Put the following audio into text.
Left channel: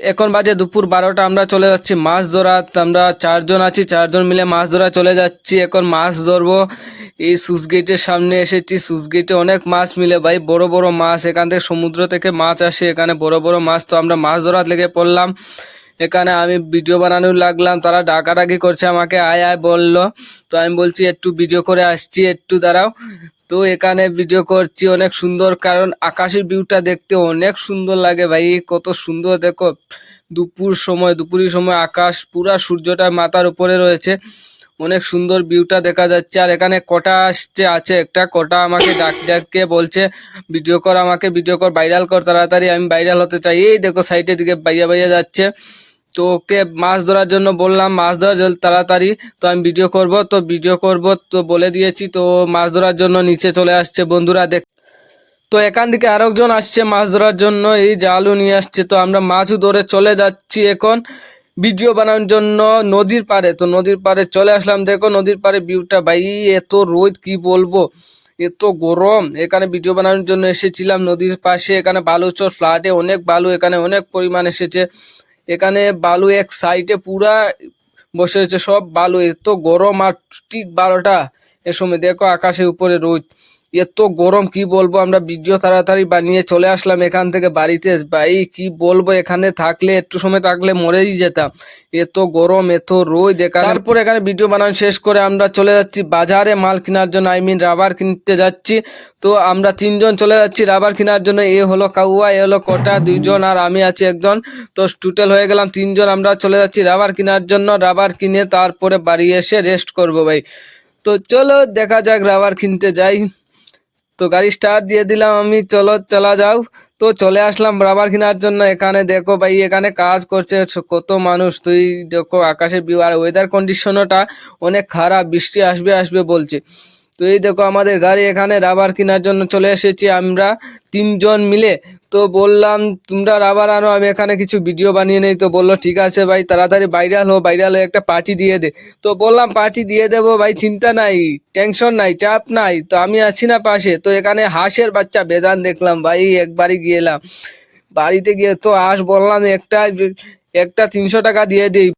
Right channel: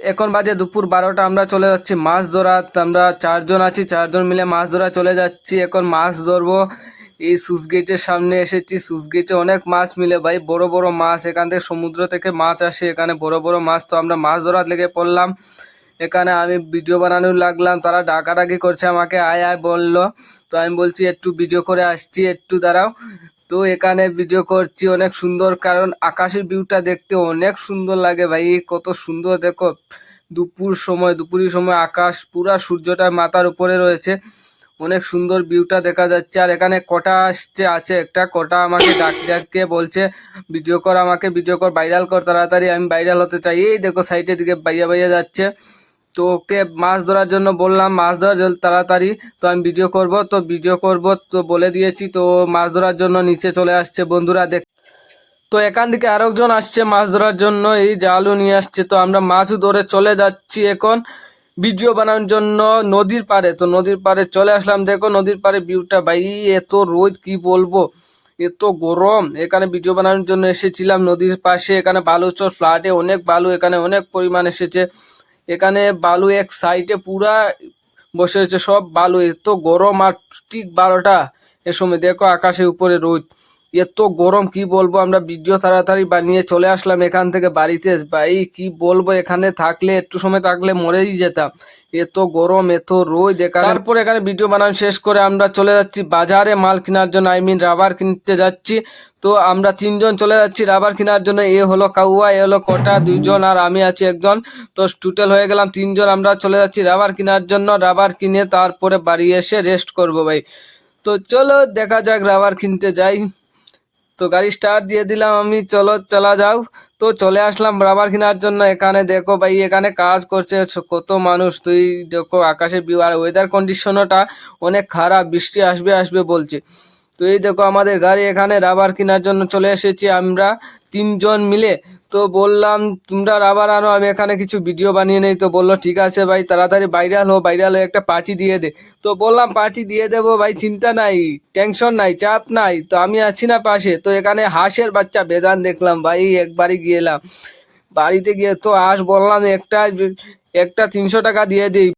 এখন বাজে দুপুর বারোটা, আমরা চলে যাচ্ছি মাছ ধরা আমরা চারজন আছি, চারজন মিলে মাছ ধরা চলে যাচ্ছি। এখন মাছ ধরবো। এই সুস গেটের সামনে এসেছি। সুস গেটে অনেক মাছ মিলে ভাই, বড় বড় মাছ। এখান থেকে সমুদ্র থেকে মাছ আসে, এখানে বড় বড় মাছ। তো আমরা মাছ ধরার লেগে পড়লাম। এখানে আমি ভিডিও বানানোর লাগলাম। তারা ডাকাডাকি করছে আমাকে। আয় আয় বলল। তো আমি বলছি, একটু ভিডিও করে আসছি। একটু দাঁড়াও। তো এখানে ভিডিও করছি অনেক সুন্দর, কারণ আকাশের ভিউটা দেখতে অনেক সুন্দর লাগে ভাই, কত সুন্দর দেখো। দুপুর সময়, দুপুরের সময় আকাশ, পুরা সূর্যটা মাথার উপরে রয়েছে। অনেক সুন্দর ভিউটা দেখা যাচ্ছে। আর এখানে কটা আসছে, আছে একটা, কটা আমাকে ডাক ডাককে বলছে ভিডিও কর আমাকে ভিডিও কর ভাইরাল কর, তাড়াতাড়ি আমি ভাইরাল হতে চাই। এই দেখো সাইডের দিকে বাইয়া বাইয়া যাচ্ছে। তো ওকে মাছ ধরার জন্য বললাম, মাছ ধরার তাড়াতাড়ি। তো আমি ভিডিও করব, তো ভিডিও করব, তো বলে দিয়েছি, তো মাছ ধরার জন্য নিচে চলে আসছে বন্ধুরা, দেখ। তো এখান থেকে আরেকজন আসছে মাছ ধরার জন্য, এই জালও নিয়ে আসছে। তো আমরা মাছও ধরে চলে যাচ্ছি এখন ভিডিও বানানোর জন্য নদীর পাড়ে। তো নদীর পাড়ে চলে আসলাম, দেখো নদীর পাড়ে ভিউটা ভাই, এত রোদ, কি বলব? এত গরম। এখানে ভিডিও বানানোর জন্য এসেছিলাম নদীর পাশে, এখানে বালুচর ফ্ল্যাটে অনেক বালু, এখানে অনেক পরিমাণ এসেছে। এখানে বালু এক সাইডে পুরা বসে রয়েছে, সব বালু। এত গরম আর ঠিক বারোটা এ সময়। দেখো আকাশের উপরে রোদ। এত গরম, কি বলব? আমরা ভিডিও তাড়াতাড়ি বানিয়ে চলে আসলাম এখান থেকে বাড়িতে। ভাই, কি বলব? এখানে থাকলে, একটু সময় থাকলে মরেই যেতাম। এত গরম, এত রোদ এখানে। তারপর এখানে ভিডিও বানানো শেষ করে আমরা চলে যাচ্ছি বাজারে, মাল কেনার জন্য আই মিন রাবার কিনতে যাচ্ছি। তো আমরা তিনজন চলে যাচ্ছি রাবার কেনার জন্য। এ হলো কাউয়া, এ হলো কটা, দুইজন আর আমি আছি একজন। তো টোটাল হয়ে গেলাম তিনজন, আমরা চলে যাচ্ছি রাবার কেনার জন্য। রাবার কিনে তারপরে বাড়ি এসে রেস্ট করব ভাই। তো চলো, দেখা যাক রাবার কিনতে যাই। তো গাড়ি স্টার্ট দিয়ে দিলাম আমি, চলো, চলা যাও। তো চলে আসলাম রাবার কেনার জন্য। এখানে দেখো ভাই, এখানে কাজ করছে কত মানুষ। তুই দেখো আকাশের ভিউ আর ওয়েদার কন্ডিশনটা অনেক খারাপ, বৃষ্টি আসবে আসবে বলছে। তো এই দেখো আমাদের গাড়ি এখানে রাবার কেনার জন্য চলে এসেছি আমরা। তিনজন মিলে। তো বললাম, তোমরা রাবার আনো, আমি এখানে কিছু ভিডিও বানিয়ে নেই। তো বলল, ঠিক আছে ভাই, তাড়াতাড়ি ভাইরাল হো ভাইরাল হয়ে একটা পার্টি দিয়ে দে। তো বললাম পার্টি দিয়ে দেবো ভাই, চিন্তা নাই টেনশন নাই, চাপ নাই, তো আমি আছি না পাশে। তো এখানে হাঁসের বাচ্চা বেজান দেখলাম, ভাই, একবারই গিয়েলাম বাড়িতে গিয়ে তো হাঁস বললাম, একটা একটা তিনশো টাকা দিয়ে দিই।